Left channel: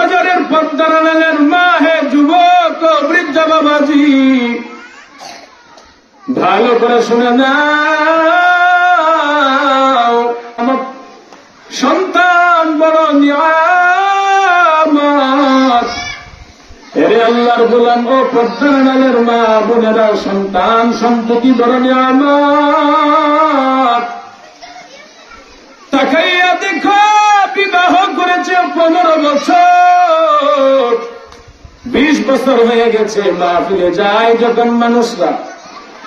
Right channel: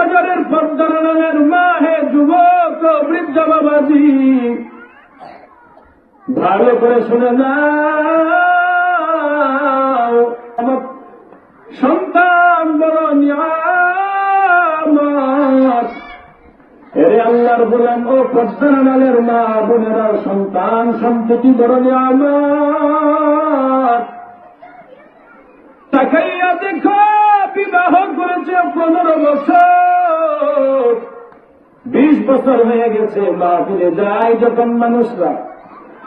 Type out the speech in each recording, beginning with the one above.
বাজারের পর্দার আড়ালের মা, হে যুবক ও বৃদ্ধ বাবাজি, ভালো করে শুনে নাও, আমার সন্তান বড় নিয়ামত। এরে আল্লাহর গোলাম ও পর্দার আড়ালের মা বোনেরা, সন্তান সন্ততি বড় নিয়ামত। তাকাইয়া দেখো, বিবাহ করেছে 15 বছর, 20 বছর হয়ে গেছে। মাহফিলে যায় যখন মানুষরা,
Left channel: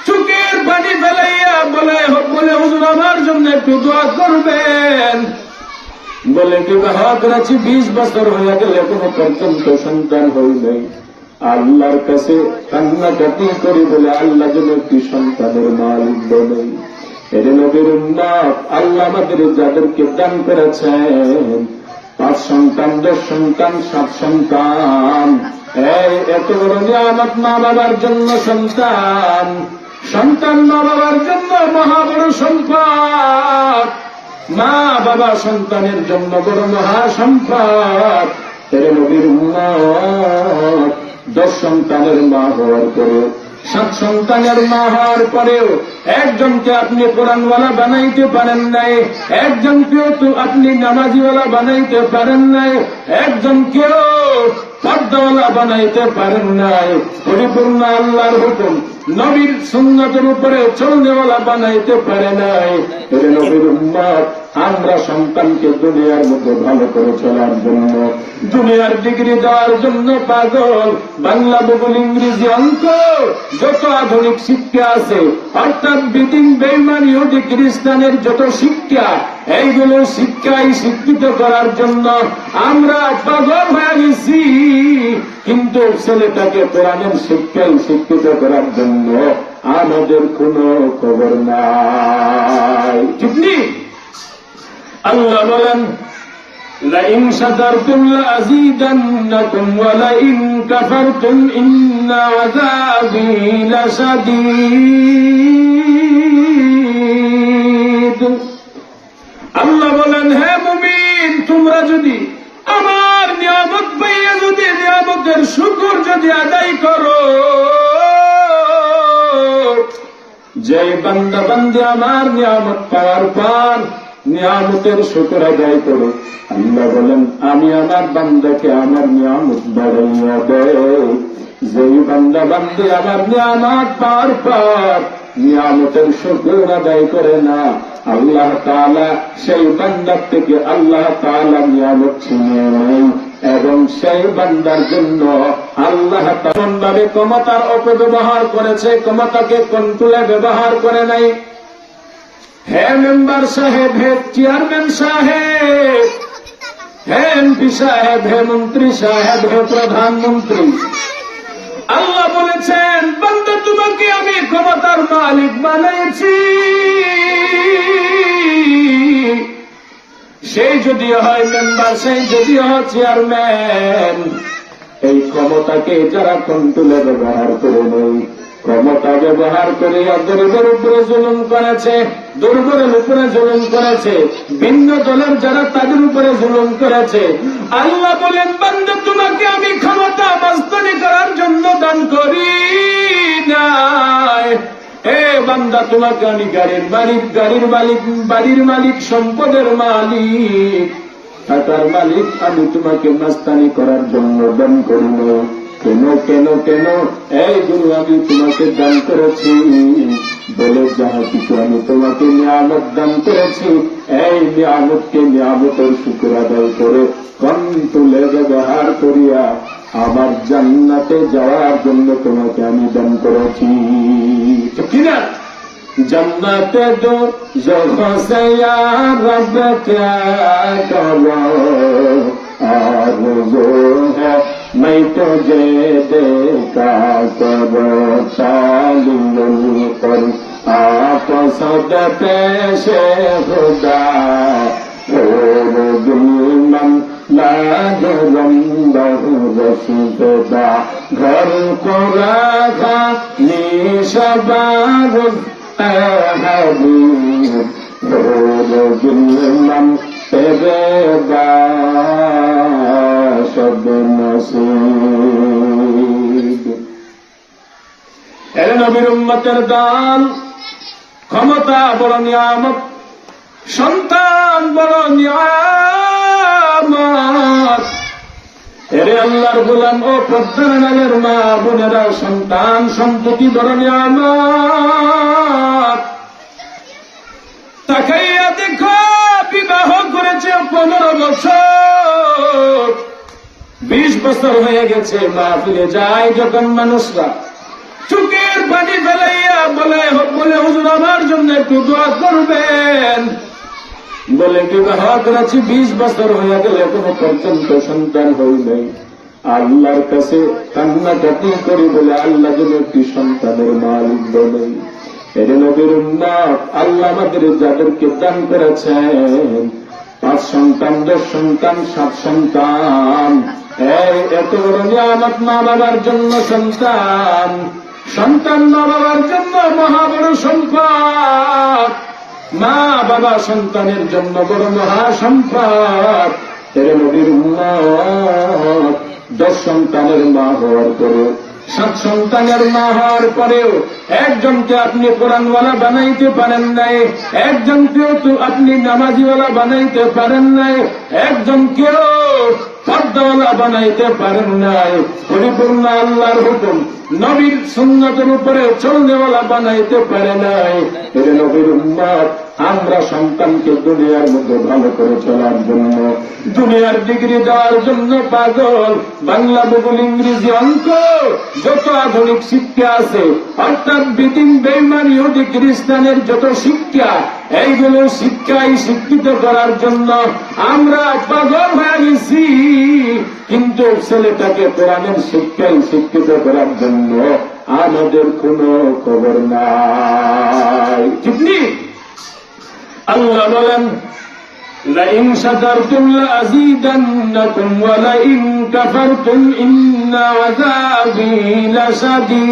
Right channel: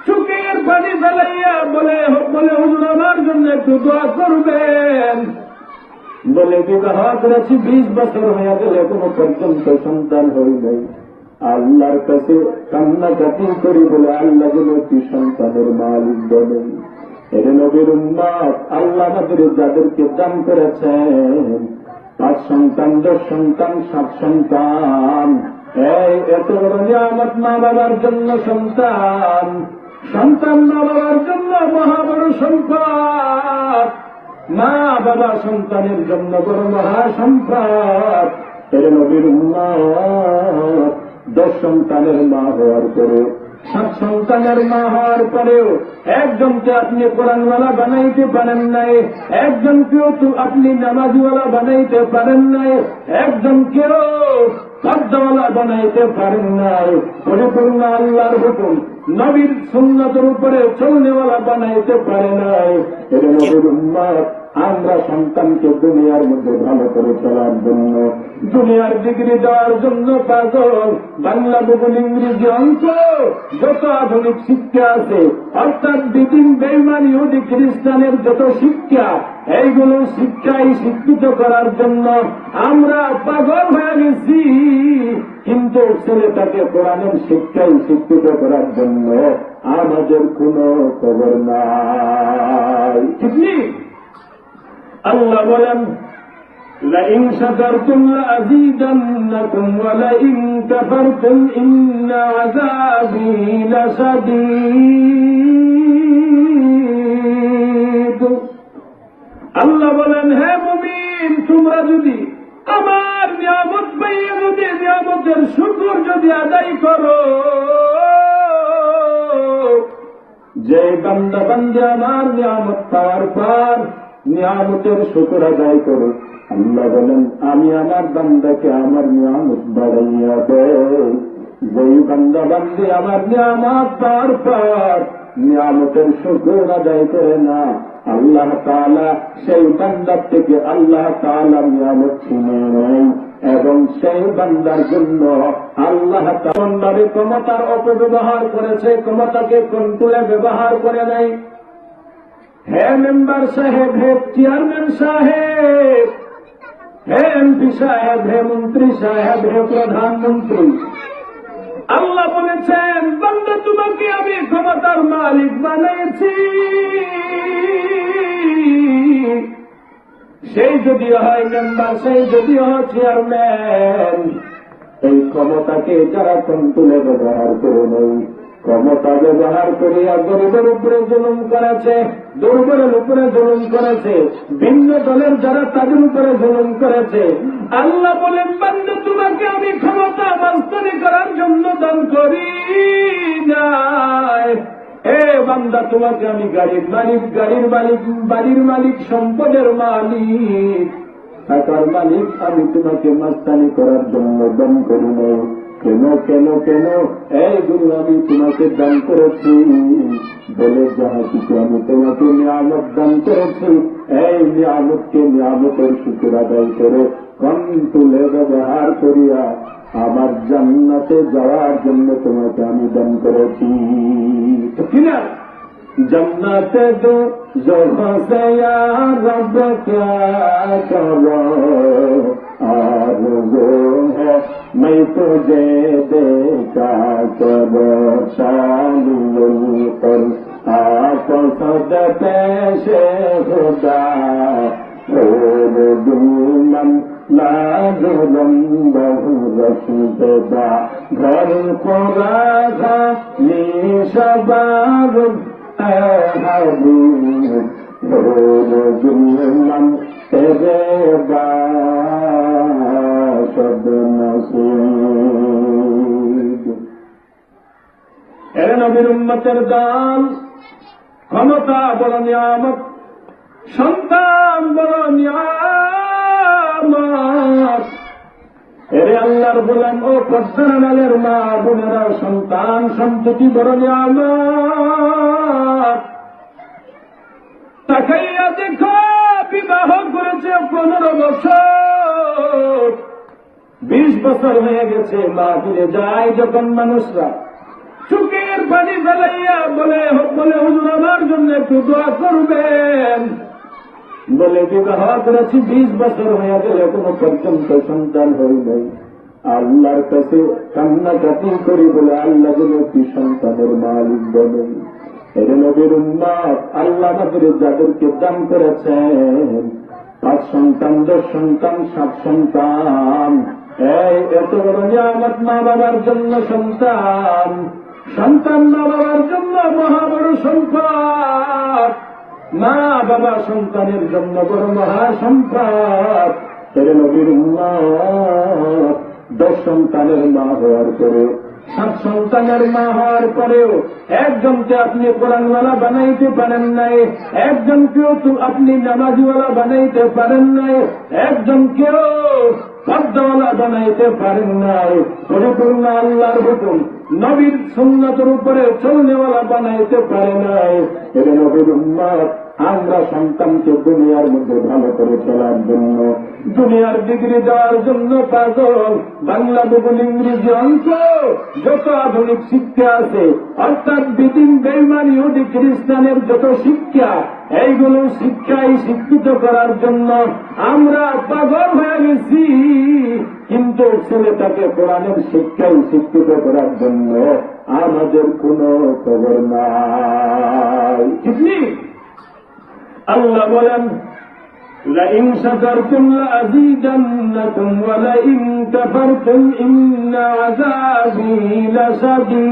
চোখের পানি ফেলাইয়া বলে হুজুর আমার জন্য একটু দোয়া করবেন। বলে বিবাহ করেছি 20 বছর হয়ে গেলে কোনো পর্যন্ত সন্তান হই নাই। আল্লাহর কাছে কান্নাকাটি করি বলে আল্লাহ যেন একটি সন্তানের মালিক বলেন। এর নবীর উম্মত, আল্লাহ আমাদের যাদেরকে দান করেছেন 5 সন্তান, 10 সন্তান, 7 সন্তান, এই এত বড় নিয়ামত। মা বাবার জন্য সন্তান, সন্তান মা বাবার জন্য মহা বড় সম্পদ। মা বাবা সন্তানের জন্য বড় মহা সম্পদ। এর নবীর উম্মত 10 সন্তানের মা হওয়ার পরে, 7 সন্তানের মা হওয়ার পরেও একজনকে আপনি কোরআনওয়ালা বানাইতে পারেন নাই, একজনকেও তো আপনি নামাজিওয়ালা বানাইতে পারেন নাই, একজনকেও পর্দাওয়ালা বানাইতে পারেন নাই। পরিপূর্ণ আল্লাহর হুকুম নবীর সুন্নাতের উপরে চলনেওয়ালা বানাইতে পারে নাই। এর নবীর উম্মত, আমরা সন্তানকে দুনিয়ার মধ্যে ভালো করে চলার জন্য, দুনিয়ার ডিগ্রি দেওয়ার জন্য পাগল। বাংলা, ভূগোল, ইংরেজি, অঙ্ক, যত আধুনিক শিক্ষা আছে, অর্থাৎ বিদিন বেঈমান ইহুদি খ্রিস্টানের যত শিক্ষা, এইগুলো শিক্ষাই শিক্ষিত করার জন্য আমরা পাগল হয়ে গেছি। কিন্তু ছেলেটাকে কোরআনের শিক্ষাই শিক্ষিত করার জন্য আমাদের কোনো খবর নাই, ঠিক নেই। আল্লাহ বলেন, লাইন শাকারতুম লাযীদান্নাকুম ওয়া লাইন কাফারতুম ইন্না আযাবী লাশাদীদ। আল্লাহ বলেন, হে মুমিন, তোমরা যদি আমার নিয়ামত পাইয়া যদি নিয়ামতের শুকর যদি আদায় করো, যে বান্দা বান্দি আমার নিয়ামত পাওয়ার পর নিয়ামতের শুকর আদায় করো, আল্লাহ বলেন আমি আমার বান্দাকে আমার নিয়ামত বাড়াইয়া দেয়। যেই বান্দা বান্দি আমার নিয়ামত পাওয়ার পর নিয়ামতের শুকর আদায় করে না, আল্লাহ তাআলা সেই বান্দার থেকে আল্লাহ তাআলা নিয়ামত ছিনিয়ে নেন এবং সেই বান্দার জন্য আল্লাহ তেমন ভাবে ক্ষমতার অপব্যবহার করেছে, ক্ষমতাকে কন্ট্রোলে ব্যবহার করে নাই। হে মেম্বার সাহেব, হে চেয়ারম্যান সাহেব, হে এমপি সাহেব, হে মন্ত্রী সাহেব, হে প্রধানমন্ত্রী, আল্লাহ বলেছেন বান্দা তোমাকে আমি ক্ষমতার মালিক বানাইছি। সেই যদি হয় মেম্বার, সেই যদি হয় চেয়ারম্যান, এই ক্ষমতাকে যারা কন্ট্রোলে ব্যবহার করে নেই, ক্ষমতা ব্যবহার করিয়া গরিবের উপরে জুলুম করেছে, দুর্বলের উপরে জুলুম করেছে, ভিন্ন দলের যারা তাদের উপরে জুলুম করেছে, আল্লাহ বলেন বান্দা তোমাকে আমি ক্ষমতা মাস্তানি করার জন্য দান করি নাই। এ বান্দা তোমাকে আমি গাড়ির মালিক, গাড়ির মালিক, বাড়ির মালিক, সম্পদের মালিক, টাকার মালিক আমি তোমাকে মাস্তানি করার জন্য দান করি নাই। কেন কেন কেন? এইগুলো আমি তোমাকে দান করেছি বলে যাহা কিছু আমি তোমাকে নিয়ামত দান করেছি, এই নিয়ামতকে নিয়ামতের শুকর আদায় করে কন্ট্রোলে ব্যবহার করিয়া আমার জান্নাতে যাওয়ার জন্য তোমাকে আমি দান করেছি, ঠিক কিনা? जन्नत दो ज़ोफ़ से या रब क्या करो, आरज़ू है मैं तुझे देखा करो, तालिल कर आप सद पेश खुदा, और दुल्मन लाजरम बहु रसूदा, घर को राखा निशबार तेरे बाश সর্বনাশীব। এর নবীর উম্মতের দান, ক্ষমতা বড় নিয়ামত, সন্তান বড় নিয়ামত। এরে আল্লাহর গোলাম ও পদ্মানালের মা বোনেরা, সন্তান সম্পত্তি বড় নিয়ামত। তাকাইয়া দেখো, বিবাহ করেছে 15 বছর, 20 বছর হয়ে গেছে। মাহফিলে যায় যখন মানুষরা, চোখের পানি ফেলাইয়া বলে হুজুর আমার জন্য একটু দোয়া করবেন। বলে বিবাহ করেছি 20 বছর হয়ে গেলে কোনো পর্যন্ত সন্তান হই নাই। আল্লাহর কাছে কান্নাকাটি করি বলে আল্লাহ যেন একটি সন্তানের মালিক বলেন। এর নবীর উম্মত, আল্লাহ আমাদের যাদেরকে দান করেছেন 5 সন্তান, 10 সন্তান, 7 সন্তান, এত বড় নিয়ামত। মা বাবার জন্য সন্তান, সন্তান মা বাবার জন্য মহা বড় সম্পদ। মা বাবা সন্তানের জন্য বড় মহা সম্পদ। এর নবীর উম্মত 10 সন্তানের মা হওয়ার পরে, 7 সন্তানের মা হওয়ার পরেও একজনকে আপনি কোরআনওয়ালা বানাইতে পারেন নাই, একজনকেও তো আপনি নামাজিওয়ালা বানাইতে পারেন নাই, একজনকেও পর্দাওয়ালা বানাইতে পারেন নাই। পরিপূর্ণ আল্লাহর হুকুম নবীর সুন্নতের উপরে চলনেওয়ালা বানাইতে পারে নাই। এর নবীর উম্মত, আমরা সন্তানকে দুনিয়ার মধ্যে ভালো করে চলার জন্য, দুনিয়ার ডিগ্রি দেওয়ার জন্য পাগল। বাংলা, ভূগোল, ইংরেজি, অঙ্ক, যত আধুনিক শিক্ষা আছে, অর্থাৎ বিদিন বেঈমান ইহুদি খ্রিস্টানের যত শিক্ষা, এইগুলো শিক্ষাই শিক্ষিত করার জন্য আমরা পাগল হয়ে গেছি। কিন্তু ছেলেটাকে কোরআনের শিক্ষায় শিক্ষিত করার জন্য আমাদের কোনো খবর নাই। ঠিক নেই? আল্লাহ বলেন, লাইন শাকারতুম লাযীদান্নাকুম ওয়া লাইন কাফারতুম ইন্না আযাবী লাশাদীদ।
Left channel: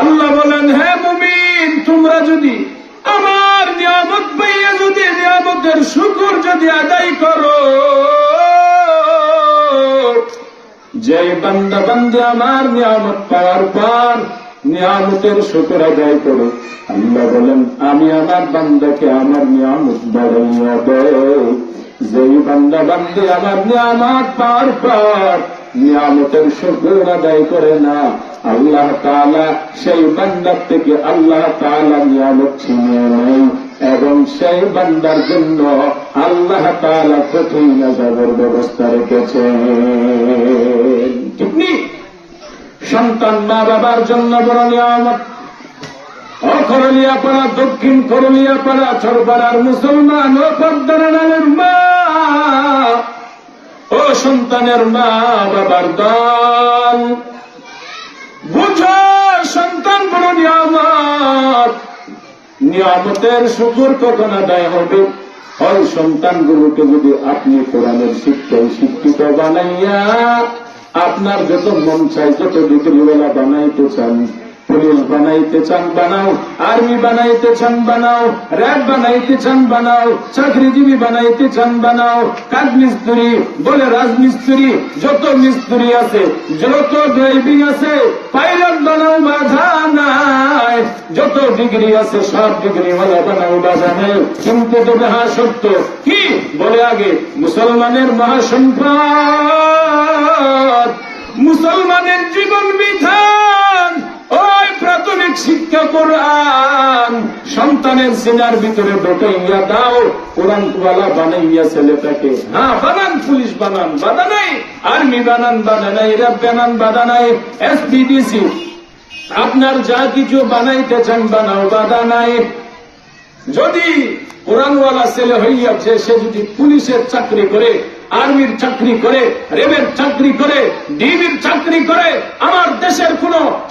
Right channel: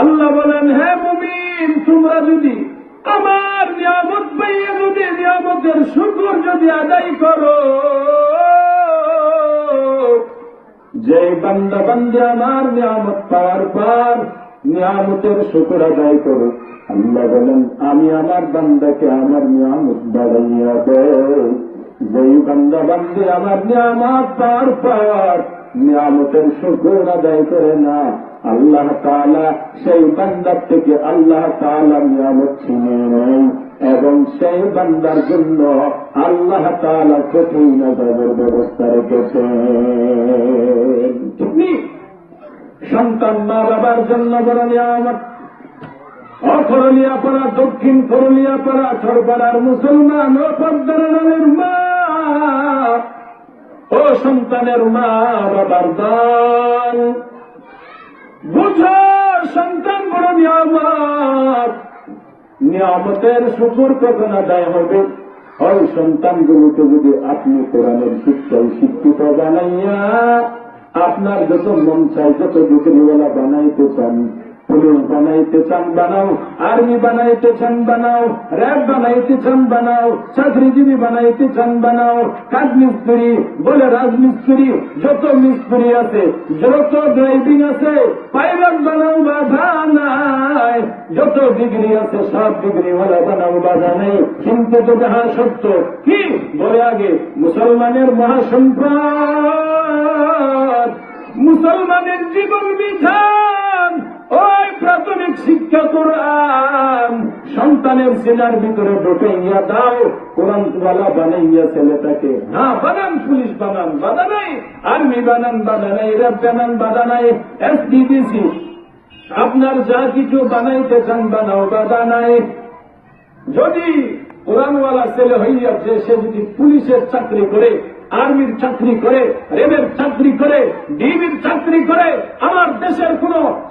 আল্লাহ বলেন, হে মুমিন, তোমরা যদি আমার নিয়ামত পাইয়া যদি নিয়ামতের শুকর যদি আদায় করো, যে বান্দা বান্দে আমার নিয়ামত পাওয়ার পর নিয়ামতের শুকর আদায় করো, আল্লাহ বলেন আমি আমার বান্দাকে আমার নিয়ামত বাড়াইয়া দেই। যেই বান্দা বান্দে আমার নিয়ামত পাওয়ার পর নিয়ামতের শুকর আদায় করে না, আল্লাহ তাআলা সেই বান্দার থেকে আল্লাহ তাআলা নিয়ামত ছিনিয়ে নেয় এবং সেই বান্দার জন্য আল্লাহ তাআলা কঠিন আযাবের ব্যবস্থা রেখেছেন। ঠিক নেই? সন্তান মা বাবার জন্য বড় নিয়ামত। অকরলিয়াপাড়া, দক্ষিণ করলিয়াপাড়া, ছড়পাড়ার মুসলমান ও পদ্মানালের মা ও সন্তানের মা বাবার দল, বুঝো সন্তান বড় নিয়ামত। নিয়ামতের শুকর কখন আদায় হবে? ওই সন্তানগুলোকে যদি আপনি কোরআনের শিক্ষায় শিক্ষিত বানাইয়া আপনার যত মন চাই, যত ডিগ্রিওয়ালা বানাইতে চান, পুলিশ বানাইতে চান বানাও, আর্মি বানাইতে চান বানাও, র্যাব বানাইতে চান বানাও, চাকরিজীবী বানাইতে চান বানাও, কাঠ মিস্ত্রি বলে রাজমিস্ত্রি, যত মিস্ত্রি আছে, যত ড্রাইভিং আছে, পাইলট বানাও, বাধা নাই। যত ডিগ্রি আছে সব ডিগ্রিওয়ালা বানাও, বাধা নেই। কিন্তু তবে হ্যাঁ সত্য কি বলে আগে মুসলমানের মহাসম্পদ, মুসলমানের জীবন বিধান, ওই প্রাথমিক শিক্ষা কোরআন সন্তানের সিনার ভিতরে ঢুকাইয়া দাও। কোরআনওয়ালা বানাইয়া ছেলেটাকে, হ্যাঁ বানান, পুলিশ বানান, বাধা নাই, আর্মি বানান, বাধা নাই, র্যাব বানান, বাধা নাই, এসপিডিসি আপনার যা কিছু বানাইতে চান বানাও, বাধা নাই। যদি কোরআনওয়ালা ছেলে হইয়াছে, সে যদি পুলিশের চাকরি করে, আর্মির চাকরি করে, রেবের চাকরি করে, ডিবির চাকরি করে, আমার দেশের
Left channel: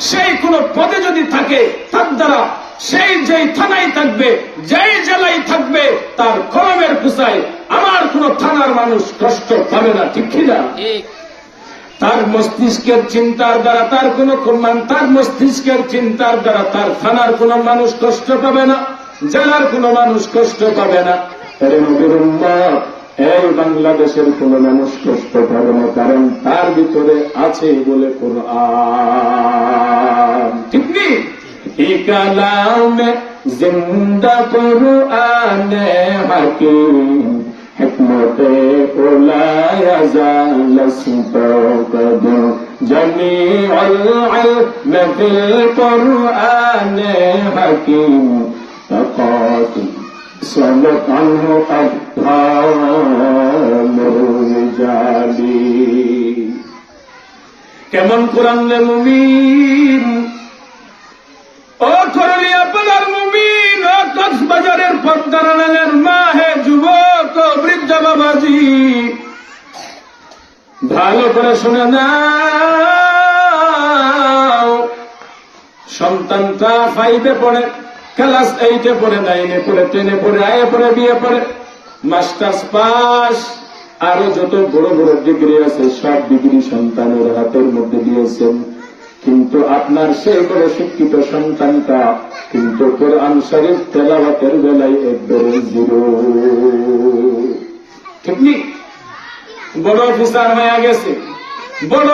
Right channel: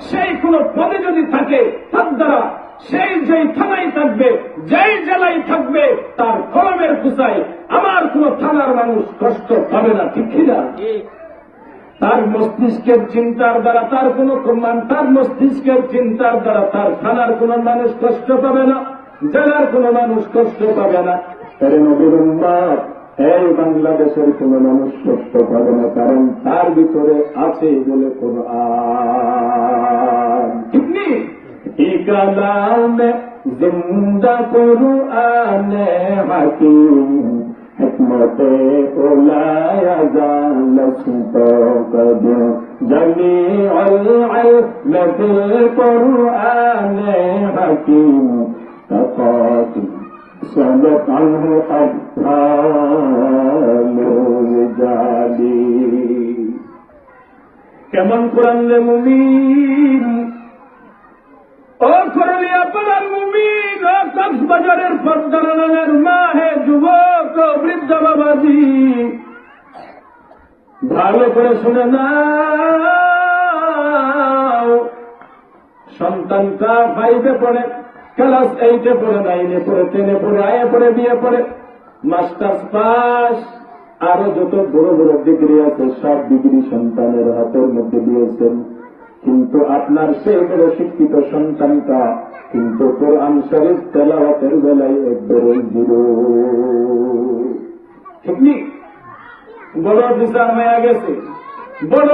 সেই কোন পদে যদি থাকে, তার দ্বারা সেই যেই থানায় থাকবে, যেই জেলায় থাকবে, তার কলমের কুসায় আমার কোন থানার মানুষ কষ্ট পাবে না। ঠিক কিনা? তার মস্তিষ্কের চিন্তার দ্বারা তার মস্তিষ্কের চিন্তার দ্বারা তার থানার কোন মানুষ কষ্ট পাবে না, জেলার কোন মানুষ কষ্ট পাবে না। এর নবীর উম্মত, এই বাংলাদেশের কোন মানুষ কষ্ট পাবে না, কারণ তার ভিতরে আছে বলে কুরআন। ঠিক নেই? এই কালামে জিন্দা কুরআনে হাকিম, হিকমতে ওলায়া জালসত জামিউল ইলম ফিল কুরআনে হাকিম তাকাতু সালাত আনহু আফহামুল জালি। কেমন কোরআন রে মুমিন, ও করলিয়া পালার মুমিন, ও কক্সবাজারের পদ্মারানের মা, হে যুবক ও বৃদ্ধ বাবাজি, ভালো করে শুনে নাও। সন্তানটা 5-এ পড়ে, ক্লাস 8-এ পড়ে, 9-এ পড়ে, 10-এ পড়ে, আয়া পড়ে, বিয়ে পড়ে, মাস্টার্স পাস, আরো যত বড় বড় ডিগ্রি আছে সব ডিগ্রি সন্তানের হাতের মধ্যে দিয়েছেন। কিন্তু আপনার সেই বড় শিক্ষিত সন্তানটা কিন্তু কোরআন শরীফ তেলাওয়াতের বেলায় একবারে জিরো। ঠিক নেই? বড় অফিসার হয়ে গেছে, বড়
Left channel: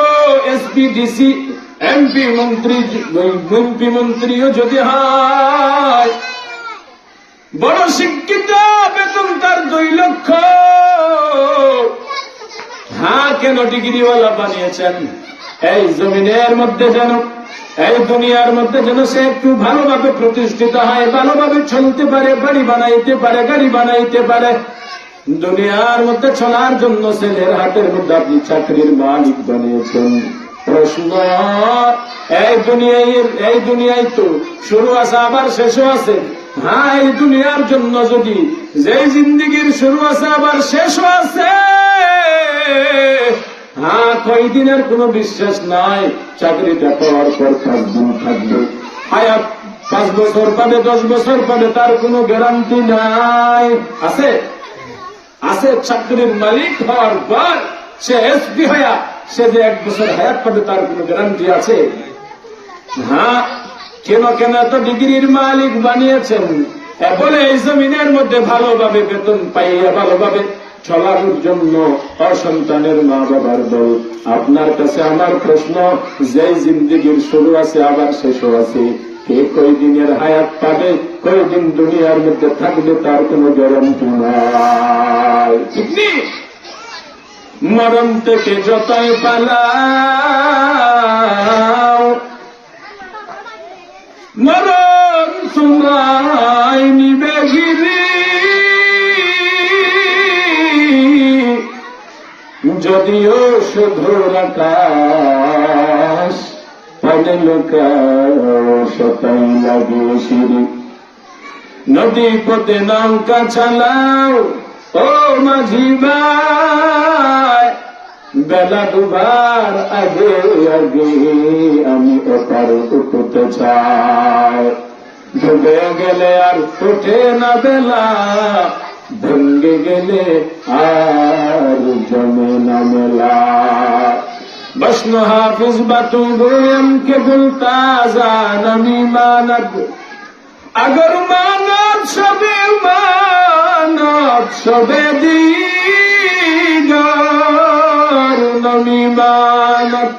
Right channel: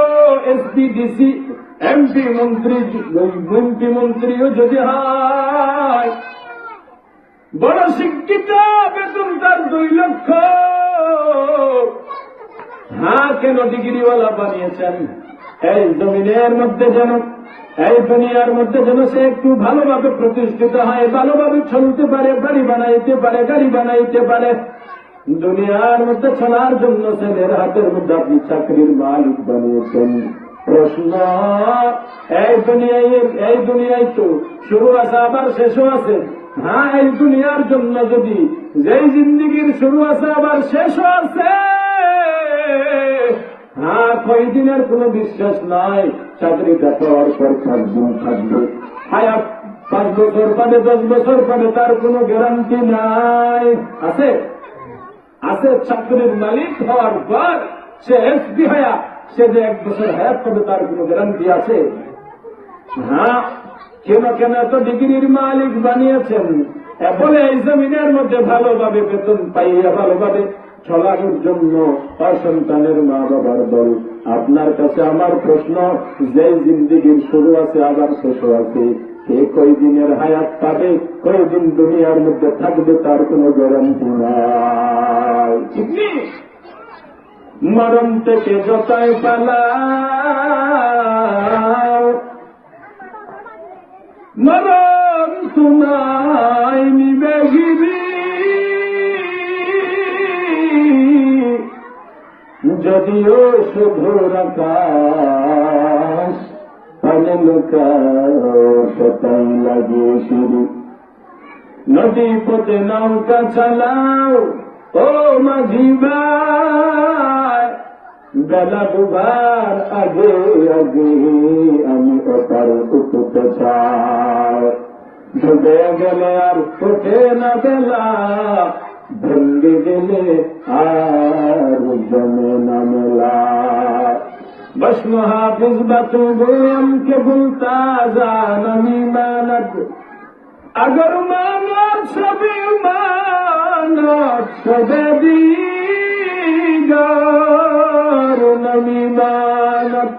এসপি, ডিসি, এমপি, মন্ত্রীও যদি হয়, বড় শিক্ষিত, বেতন তার 2 লক্ষ। হ্যাঁ, কেন ডিগ্রিওয়ালা বানিয়েছেন? এই জমিনের মধ্যে যেন, এই দুনিয়ার মধ্যে যেন সে একটু ভালোভাবে প্রতিষ্ঠিত হয়, ভালোভাবে চলতে পারে, বাড়ি বানাইতে পারে, গাড়ি বানাইতে পারে। দুনিয়ার মধ্যে চলার জন্য ছেলের হাতের মধ্যে আপনি চাকরির মালিক বানিয়েছেন। প্রশ্ন, এই দুনিয়ায় তো শুরু আছে আবার শেষও আছে। হ্যাঁ, এই দুনিয়ার জন্য যদি যেই জিন্দিগির শুরু আছে আবার শেষও আছে, হ্যাঁ, কয়দিনের কোনো বিশ্বাস নাই। চাকরিটা পাওয়ার পর 5 দিন থাকবে, হায়াত 5 বছর পাবে, 10 বছর পাবে, তার কোনো গ্যারান্টি নাই। আছে? আছে। চাকরির মালিক হওয়ার পর সে এসপি হইয়া সে যে 1 বছর হায়াত পাবে তার কোনো গ্যারান্টি আছে? হ্যাঁ, কেন এত ডিগ্রির মালিক বানিয়েছেন? বলে এই জমিনের মধ্যে ভালোভাবে বেতন পাইয়া ভালোভাবে চলার জন্য অসন্তানের মা বাবার দল। আপনার কাছে আমার প্রশ্ন, যে জিন্দিগির শুরু আছে আবার শেষও আছে, কে কয়দিনের হায়াত পাবে, কয়দিন দুনিয়ার মধ্যে থাকবে, তার কোনো গ্যারান্টি নাই। ঠিক নেই? মরণ থেকে যতই পালাও, মরণ তোমায় নিবে ঘিরে। যদিও শুধুর আকাশ পানে লোকাও, সতাই লাগে সিঁড়ি। নদী পথে নৌকা চালাও ও মাঝি ভাই, বেলা ডুবার আগে আগে আমি ওপার উঠতে চাই। ডুবে গেলে আর ওঠে না বেলা, ভেঙ্গে গেলে আর জমে না মেলা। বৈষ্ণো হাফিজ বাতু গোয়েম কে বলতা জান আমি মানব, আগর মানব সবে দিগার নমি মানব।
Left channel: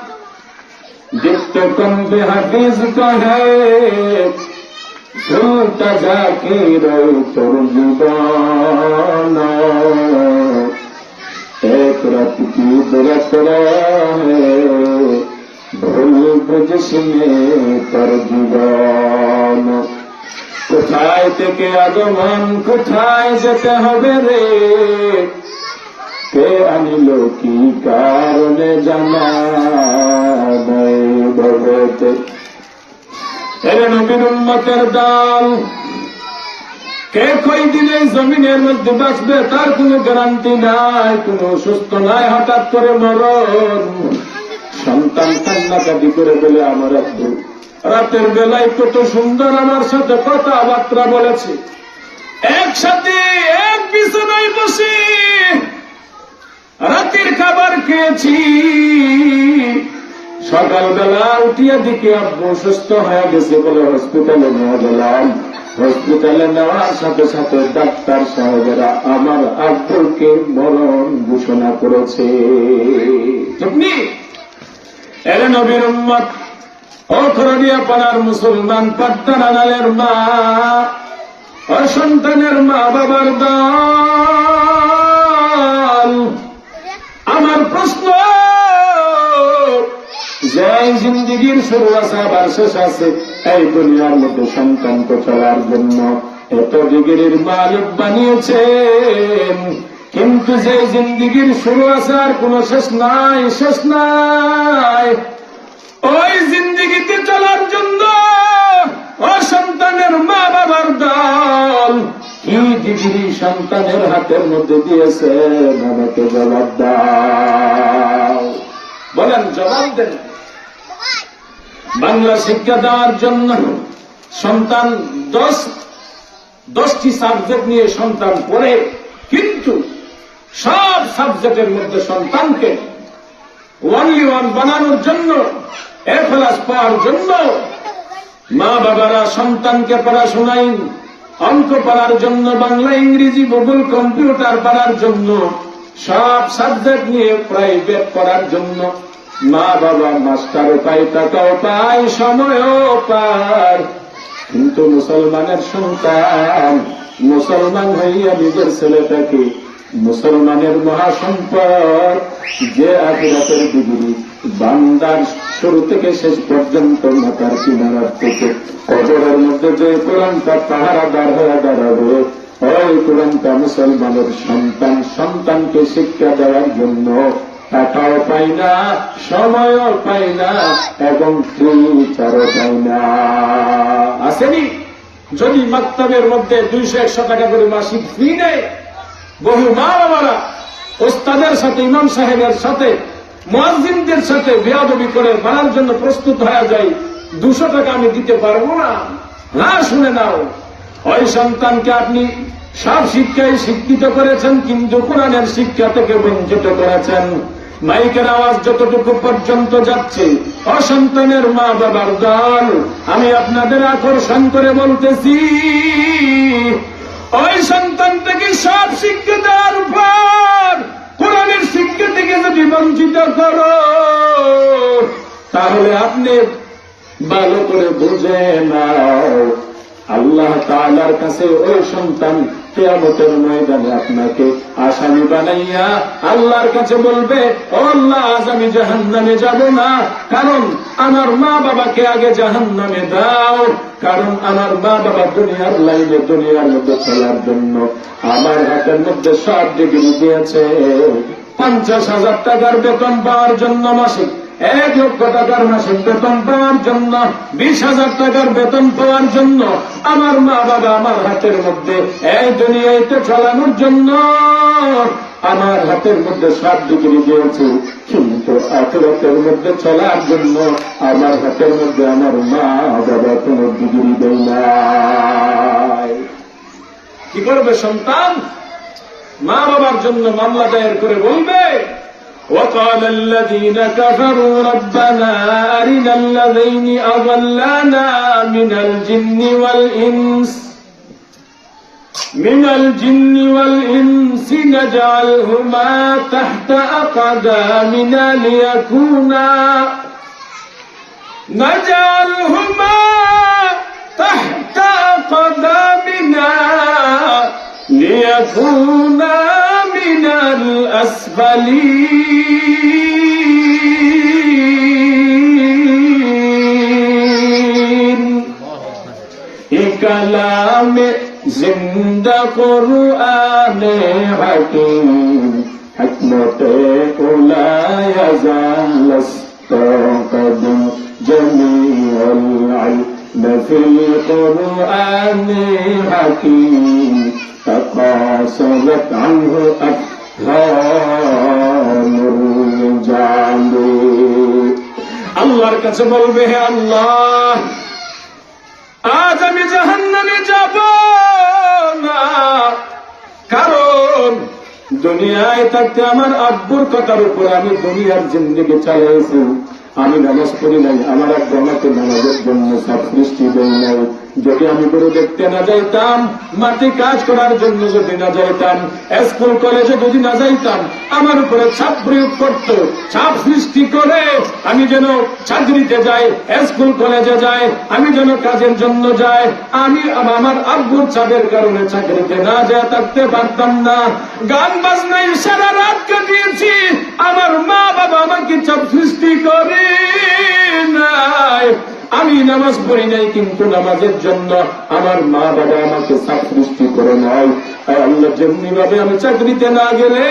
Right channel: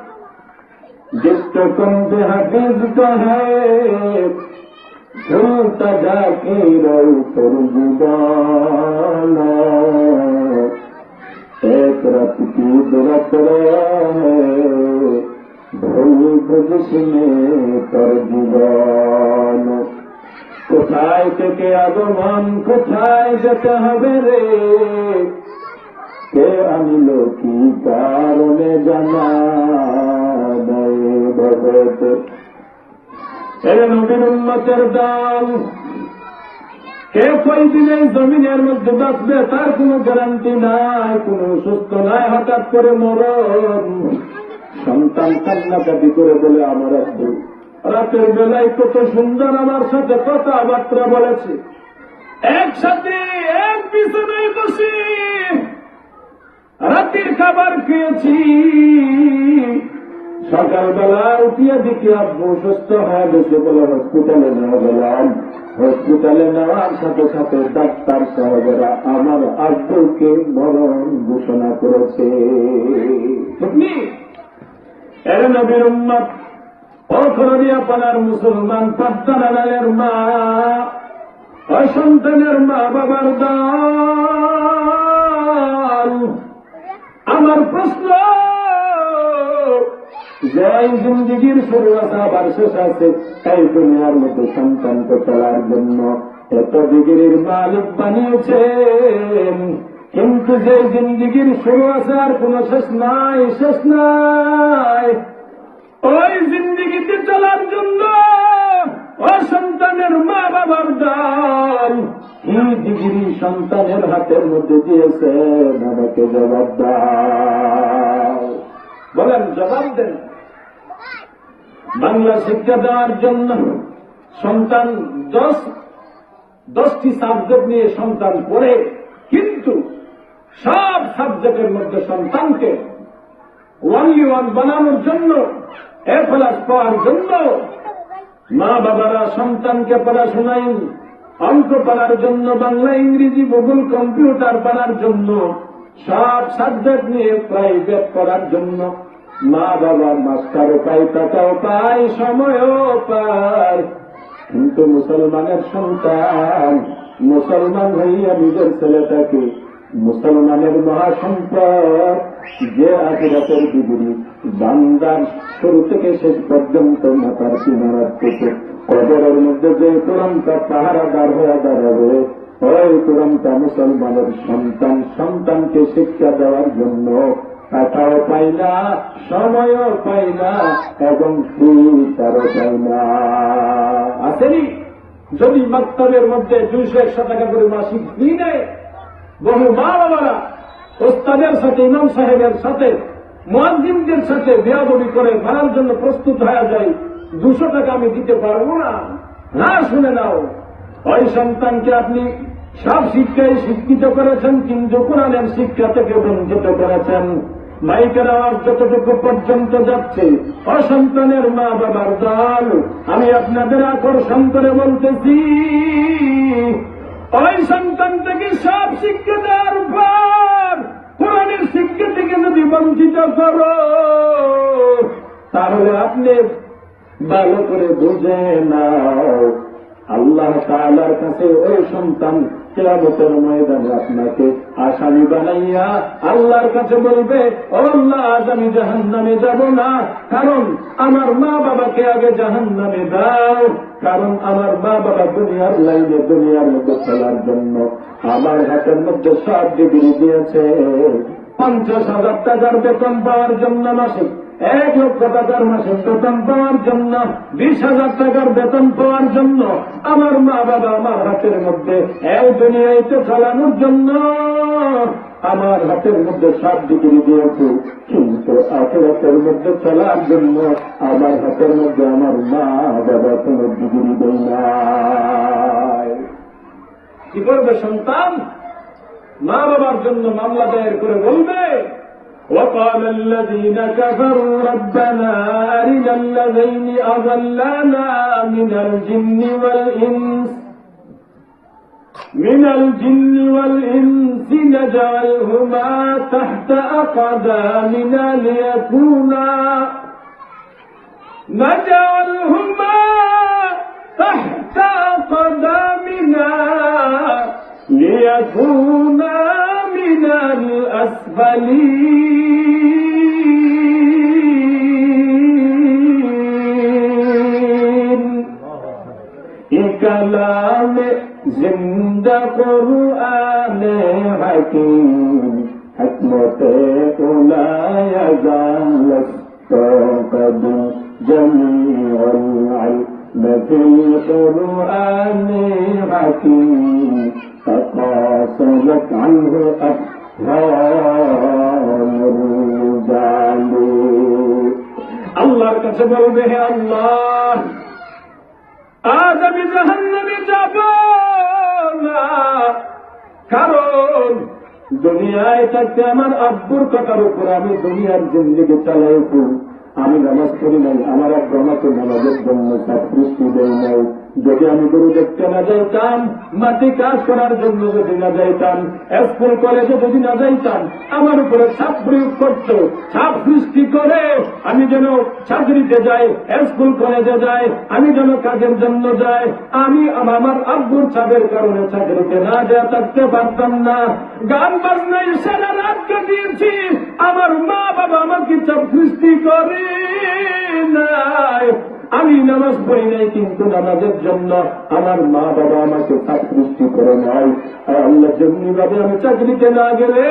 দিত্য কন্দে হাফিজ কহে ভুলতা যাকে রই তোর জীবন, এক রাত কি দুরাত রহে ভুল বুঝিসনে তোর জীবন। কোথায় থেকে আগমন, কোথায় যেতে হবে রে, কে আনিল কি কারণে জানা ভবেতে। এরে নবীর উম্মতের দল, কে কয়দিন এই জমিনের মধ্যে বাঁচবে তার কোনো গ্যারান্টি নাই, কোনো সুস্থ নাই। হঠাৎ করে মরণ, সন্তান কান্নাকাটি করে বলে আমার আব্বু রাতের বেলায় কত সুন্দর আমার সাথে কথাবার্তা বলেছে, একসাথে এক বিছানায় বসে রাতের খাবার খেয়েছি। সকালবেলা উঠিয়া দিকে আব্বু সুস্থ হয়ে গেছে বলে হসপিটালে নিয়ে গেলাম। হসপিটালে নেওয়ার সাথে সাথে ডাক্তার সাহেবেরা আমার আব্বুকে মরণ ঘোষণা করেছে। তুমি এরে নবীর উম্মত, ও খরডিয়া পাড়ার মুসলমান, পদ্মা নালের মা, অসন্তানের মা বাবার দল। আমার প্রশ্ন, যে জিন্দিগির শুরু আছে আবার শেষ আছে, এই দুনিয়ার মধ্যে সন্তান তো চলার জন্য এত ডিগ্রির মালিক বানিয়েছেন, কিন্তু যে জিন্দিগির শুরু আছে আর কোন শেষ নাই, শেষ নাই, ওই জিন্দিগিতে চলার জন্য অসন্তানের মা বাবার দল কি ডিগ্রি সন্তানের হাতের মধ্যে দিয়েছে, বাবাকে জবাব দাও, বলেন, জবাব দেন। বাংলা শিক্ষা দেওয়ার জন্য সন্তান 10টি সাবজেক্ট নিয়ে সন্তান পড়ে, কিন্তু সব সাবজেক্টের মধ্যে সন্তানকে ওয়ানলি ওয়ান বানানোর জন্য, এ প্লাস পাওয়ার জন্য মা বাবারা সন্তানকে পড়াশোনায় অঙ্ক পড়ার জন্য, বাংলা, ইংরেজি, ভূগোল, কম্পিউটার পড়ার জন্য, সব সাবজেক্ট নিয়ে প্রাইভেট পড়ার জন্য মা বাবা মাস্টারও পায়, টাকাও পায়, সময়ও পায়, কিন্তু মুসলমানের সন্তান মুসলমান হইয়া নিজের ছেলেটাকে মুসলমানের মহাসম্পদ, যে আখিরাতের ডিগ্রি বান্দার শুরু থেকে শেষ পর্যন্ত মাথার কিনারার থেকে কবরের মধ্যে যে কোরআনটা পাহারাদার হয়ে দাঁড়াবে, ওই কোরআনটা মুসলমানের সন্তান সন্তানকে শিক্ষা দেওয়ার জন্য টাকাও পাই না, সময়ও পাই না, এবং ফিউচারও পাই না। আসেনি? যদি মাকতাবের মধ্যে 200-100 টাকা করে মাসিক ফি নেয়, বহু মা বাবারা ওস্তাদের সাথে, ইমাম সাহেবের সাথে, মুয়াজ্জিনদের সাথে বেয়াদবি করে মানার জন্য প্রস্তুত হয়ে যায়, 200 টাকা আমি দিতে পারবো না। না, শুনে নাও, ওই সন্তানকে আপনি সব শিক্ষায় শিক্ষিত করেছেন, কিন্তু কোরআনের শিক্ষা থেকে বঞ্চিত করেছেন। মাইকের আওয়াজ যতটুকু পর্যন্ত যাচ্ছে, অসন্তানের মা বাবার দল, আমি আপনাদের আকর্ষণ করে বলতেছি, ওই সন্তান থেকে সব শিক্ষা দেওয়ার পর কোরআনের শিক্ষা থেকে যদি বঞ্চিত করো, তাহলে আপনি ভালো করে বুঝে নাও, আল্লাহ তাআলার কাছে ওই সন্তান কিয়ামতের ময়দানে আপনাকে আসামি বানাইয়া আল্লাহর কাছে বলবে, ও আল্লাহ, আজ আমি জাহান্নামে যাব না, কারণ আমার মা বাবাকে আগে জাহান্নামে দাও, কারণ আমার মা বাবা দুনিয়ার লাইনে, দুনিয়ার মধ্যে চলার জন্য আমার হাতের মধ্যে সব ডিগ্রি দিয়েছে। 50,000 টাকার বেতন পাওয়ার জন্য মাসিক, 1 লক্ষ টাকার মাসিক বেতন পাওয়ার জন্য, 20,000 টাকার বেতন পাওয়ার জন্য আমার মা বাবা আমার হাতের মধ্যে এই দুনিয়াতে চালানোর জন্য আমার হাতের মধ্যে সব ডিগ্রি দিয়েছে, কিন্তু আখিরাতের মধ্যে চলার জন্য আমার হাতের মধ্যে আমার মা বাবা কোনো ডিগ্রি দেয় নাই। কি করবে সন্তান? মা বাবার জন্য মামলা দায়ের করে বলবে, وقال الذين كفروا ربنا أرنا الذين أضلانا من الجن والإنس نجعلهما تحت أقدامنا ليكونا من الأسفلين كلام زندہ قرآن حکیم حکمت لا يزال استقدم جميع العلم في القرآن حكيم تقاصرت عنه أفهام الرجال আল্লাহর কাছে বলবে, হে আল্লাহ, আজ আমি জাহান্নামে যাব না, কারণ দুনিয়ায় থাকতে আমার আব্বুর কথার উপর আমি দুনিয়ার জিন্দেগি চালাইছি, আমি নামাজ পড়ি নাই, আমার আব্বু আমাকে নামাজের জন্য সব সৃষ্টি দেয় নাই, যদি আমি গরু দেখতে না যাইতাম, মাটি কাজ করার জন্য যদি না যাইতাম, স্কুল কলেজে যদি না যাইতাম, আমার উপরে চাপ প্রয়োগ করত, চাপ সৃষ্টি করে আমি যেন চাকরিতে যাই, স্কুল কলেজে যাই, আমি যেন কাজের জন্য যাই, আমি আমার আব্বুর চাপের কারণে চাকরিতে না যেয়ে থাকতে পারতাম না। গান বাজনায় সারা রাত কাটিয়েছি, আমার মা বাবা আমাকে চাপ সৃষ্টি করে নাই। আমি নামাজ পড়ি নাই, কিন্তু নামাজের জন্য আমার মা বাবা আমাকে চাপ সৃষ্টি করে নাই। আল্লাহ, যেমনি ভাবে আমি চাকরিতে না গেলে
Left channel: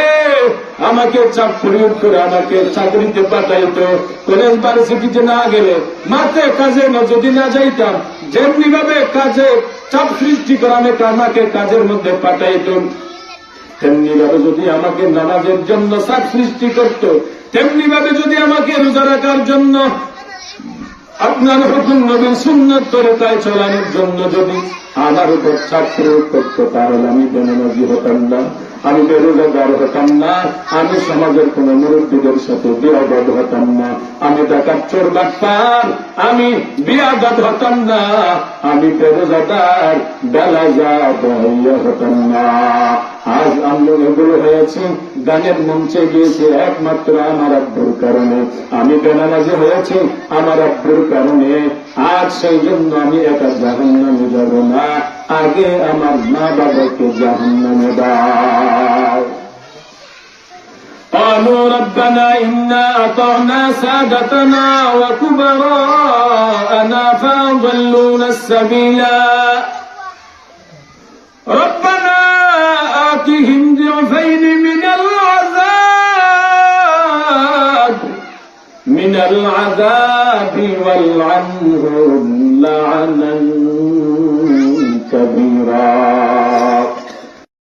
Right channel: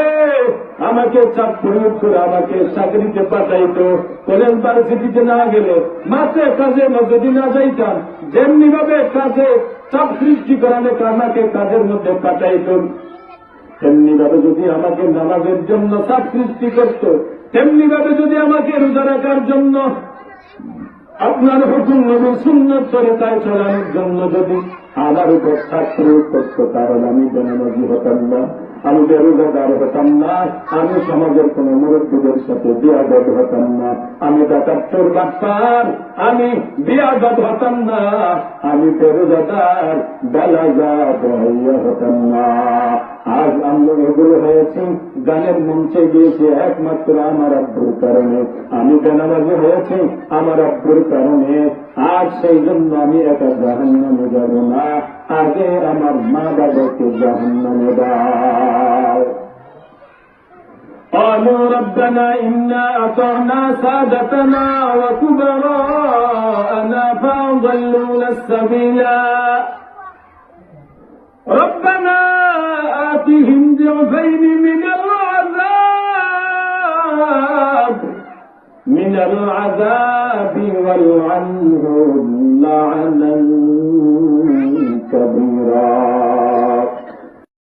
আমাকে চাপ প্রয়োগ করে আমাকে চাকরিতে পাঠাইতো, কলেজ ভার্সিটিতে না গেলে, মাঠে কাজে যদি না যাইতাম, যেমনি ভাবে কাজে চাপ সৃষ্টি করে আমাকে কাজের মধ্যে পাঠাইতো, তেমনি ভাবে যদি আমাকে নামাজের জন্য চাপ সৃষ্টি করত, তেমনি ভাবে যদি আমাকে রোজা রাখার জন্য, আপনার হুকুম নবীর সুন্নত তরিকায় চলানোর জন্য যদি আমার উপর চাপ প্রয়োগ করত, তাহলে আমি বেনামাজি হতাম না, আমি বেরোজগার হতাম না, আমি সমাজের কোন মুরব্বীদের সাথে বিয়াদত হতাম না, আমি ডাকাত চোর বাটপার, আমি বিয়াদত হতাম না, আমি বেরোজগার বেলাজা বহইয়া হতাম না। আজ আমরা এগুলো হয়েছি, গানের মঞ্চে গিয়েছি একমাত্র আমার আব্বুর কারণে, আমি বেনামাজি হয়েছি আমার আব্বুর কারণে। আজ সেই জন্য আমি একা জাহান্নামে যাব না, আগে আমার মা বাবাকে জাহান্নামে দাও। قالوا ربنا إنا أطعنا سادتنا وكبراءنا فأضلونا السبيلا ربنا آتهم ضعفين من العذاب والعنهم لعنا